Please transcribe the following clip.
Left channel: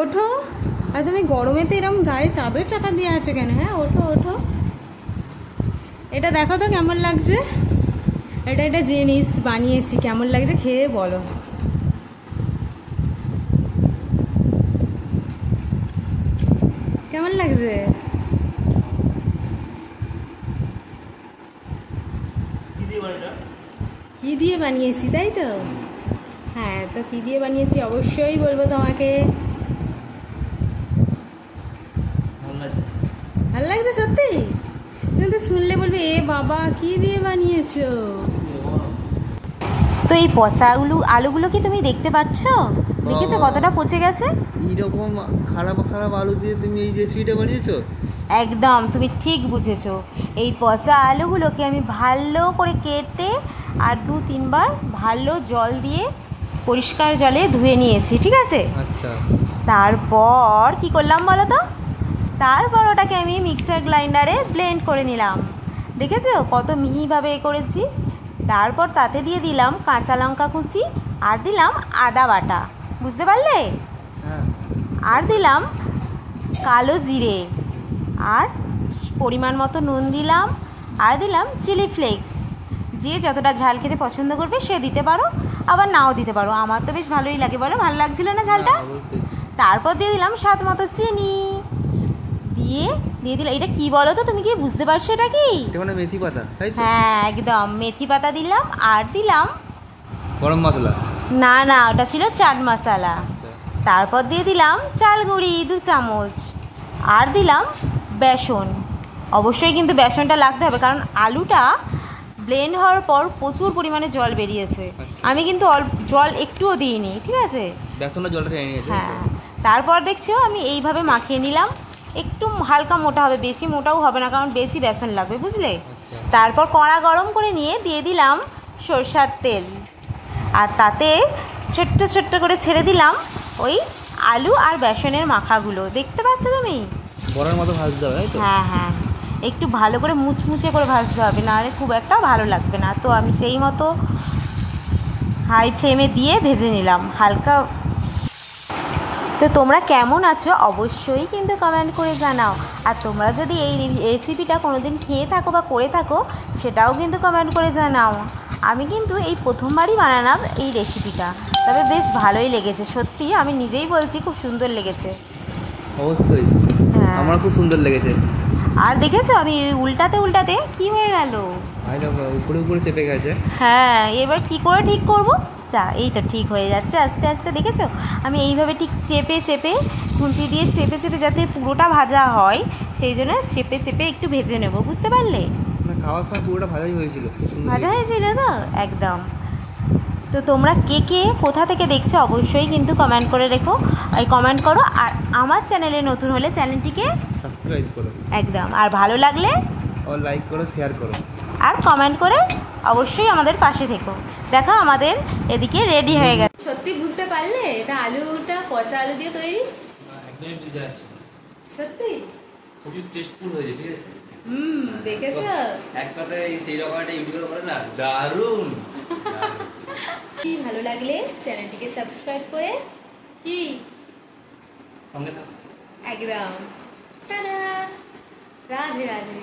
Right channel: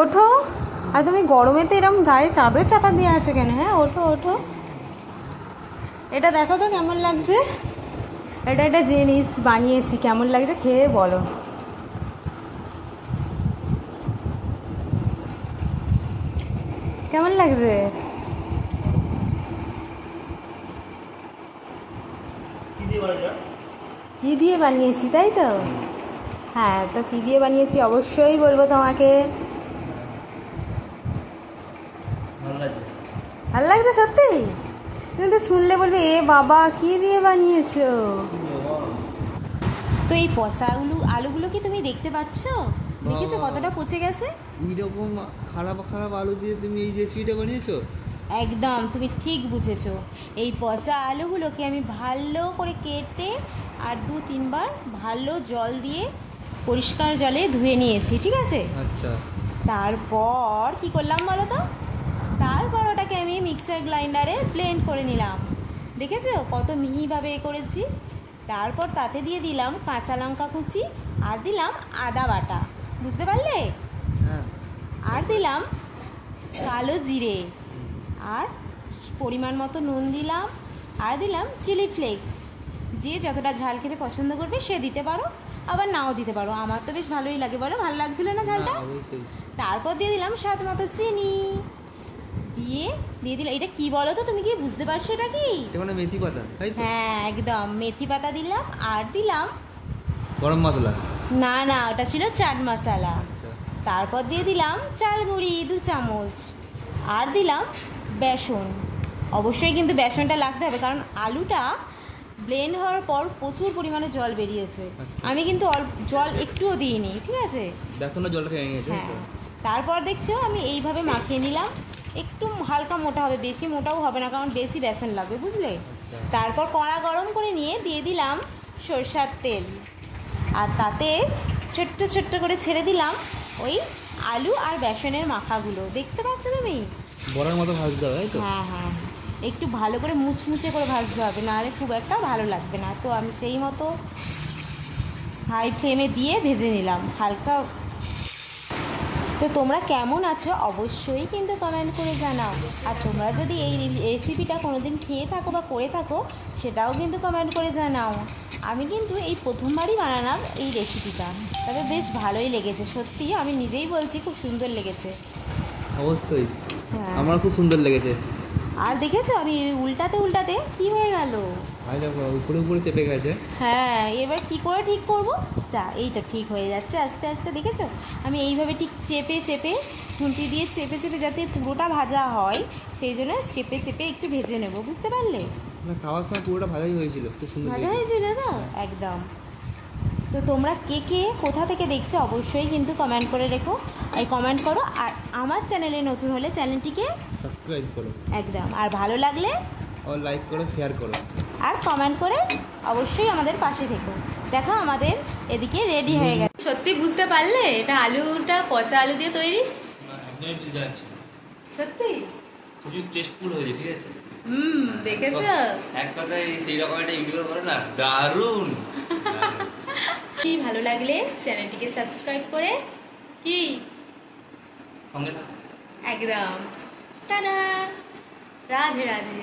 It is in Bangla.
ওঠো। আর তুমি গরমেতে এরকম গায়ে চাদর চাপা দিয়ে আছো কেন? হ্যাঁ, ওঠো ওঠো। এটা দেখো তো কেমন লাগছে। এটা একটা জিনিস বানিয়েছি, কেমন লাগছে খেয়ে বলো। কেমন লাগছে? কি দিয়ে বানিয়েছি তাই তো? হ্যাঁ, তো কি দিয়ে বানিয়েছি অবশ্যই বলবো তোমাকে। ভালো লাগছে সত্যি? তুমি তো শুনলে বলবে এ বাবা কি দিয়ে বানিয়েছো। তো এই পচা আলুগুলো কি তুমি দেখতে পাচ্ছ? দেখেছো কতটা পচে গেছে? এইরকম খারাপ খারাপ আলু দিয়ে তুমি এই রেসিপিটা বানিয়েছো? একদম, তুমি ঠিক বুঝেছো। এই পচা আলুগুলোকে আমি ভালো করে কেটে আর 2-3 বার ভালো জল দিয়ে পরিষ্কার জলে ধুয়ে নিয়েছি, ঠিক আছে? আচ্ছা। তারপর কি করলাম বলো তো? তারপর ওটাকে আমি মিক্সার গ্রাইন্ডারে ব্লেন্ড করে নিলাম। দেখেছো কত মিহিভাবে করেছি? তারপর তাতে দিয়ে দিলাম কাঁচা লঙ্কা কুচি আর দিলাম আদা বাটা, বুঝতে পারলে? হ্যাঁ। আর দিলাম কালো জিরে আর পরিমাণ মতো নুন দিলাম আর দিলাম চিলি ফ্লেক্স। যে যতটা ঝাল খেতে পছন্দ করবে সে দিতে পারো, আবার নাও দিতে পারো। আমার তো বেশ ভালোই লাগে, বলো ভালো লাগছিল না ঝালটা? অবশ্যই। তারপর দিয়ে দিলাম স্বাদ মতো চিনি, দিয়ে দিলাম এটা কি বলো তো, তুমি কি বুঝতে পারছো এটা কি? এটা মানে মেথি পাতা, তাই তো? হ্যাঁ একদম, মেথি পাতা দিলাম আর দিলাম গরম মশলা। না না, ওটা ছিল চাট মশলা। আচ্ছা। তারপর দিয়ে দিলাম চাল গুঁড়ি 2 চামচ আর দিলাম বেসন। অবশ্যই কিন্তু বেসনটা লাগতে হবে, কারণ আলুটা ব্লেন্ড হওয়ার পর প্রচুর পরিমাণে জল বেরিয়েছে। আমি কিন্তু জল একটুও দিইনি, ঠিক আছে? বেসনটা জলটা টেনে নিয়েছে। হ্যাঁ। তারপর দেখছো আমি এইভাবে মাখিয়ে নিলাম। একটু হালকা মোটা হবে, বেশি মোটাও হবে না, কারণ বেশি বেসন লাগবে, বুঝলে? তারপর কড়া গরম করে নিয়ে দিয়ে দিলাম সরষের তেল আর তাতে ছোট্ট ছোট্ট করে ছেড়ে দিলাম ওই আলু আর বেসনের মাখাগুলো। দেখতে পাচ্ছ তুমি? বড়ার মতো ভাজতে হবে, তাই তো? হ্যাঁ হ্যাঁ, একটু ভালো করে মুচমুচে করে ভাজতে হবে, নাহলে খুব একটা ভালো লাগবে না। তো আমি সেই মতো হাই ফ্লেমে দিয়ে ভেজে নিলাম হালকা। তো তোমরা কেমন আছো অবশ্যই কিন্তু কমেন্ট করে জানাও। আর তোমরা যদি এই রেসিপিটা কোনোদিন খেয়ে থাকো বা করে থাকো সেটাও কিন্তু কমেন্ট করে জানাও। আমি কিন্তু এই প্রথমবারই বানালাম এই রেসিপিটা, তবে বেশ ভালোই লেগেছে সত্যি, আমি নিজেই বলছি খুব সুন্দর লেগেছে। অবশ্যই। হ্যাঁ, আমার খুব সুন্দর লেগেছে। আর দেখেছো আমি উল্টাতে উল্টাতে কি হয়ে গেল? উপরে উপরে চেপে গেছে। হ্যাঁ, এবার কি করে ঠিক করব? যা, এই তো ঠিক হয়ে যাচ্ছে আস্তে আস্তে। দেখেছো আমি এইভাবে ঠিক চেপে চেপে খুন্তি দিয়ে চেপে চেপে যাতে পুরোটা ভাজা হয় সেই জন্য চেপে চেপে একটু ভেজে নেব, বুঝতে পারলে? না, খাওয়ার সময় পুরোটা ভাজাই হয়েছিল, ভাজা হয়েছিল তো একদম। তো তোমরা কে কে কোথা থেকে দেখছো অবশ্যই কিন্তু কমেন্ট করে রেখো, কমেন্ট করো। আর আমার চ্যানেলে নতুন হলে চ্যানেলটিকে সাবস্ক্রাইব করো একদম, আর ভালো লাগলে লাইক করো, শেয়ার করো আর কমেন্ট করে অবশ্যই আমাদের পাশে থেকো। দেখো আমাদের এদিকে রেডি হয়ে গেছে। সত্যি বুঝতে পারলে এটা আলুটা পচা আলু দিয়ে তৈরি? সত্যি খুবই টেস্টফুল হয়েছে, ঠিক আছে? দেখেছো? এক কথায় সেই রকম একটা ইউটিউবার বলে না, দারুণ। কি ভালো লাগলে চ্যানেলটিকে সাবস্ক্রাইব করে কি সঙ্গে থাকো একদম। টাটা, রাধে রাধে।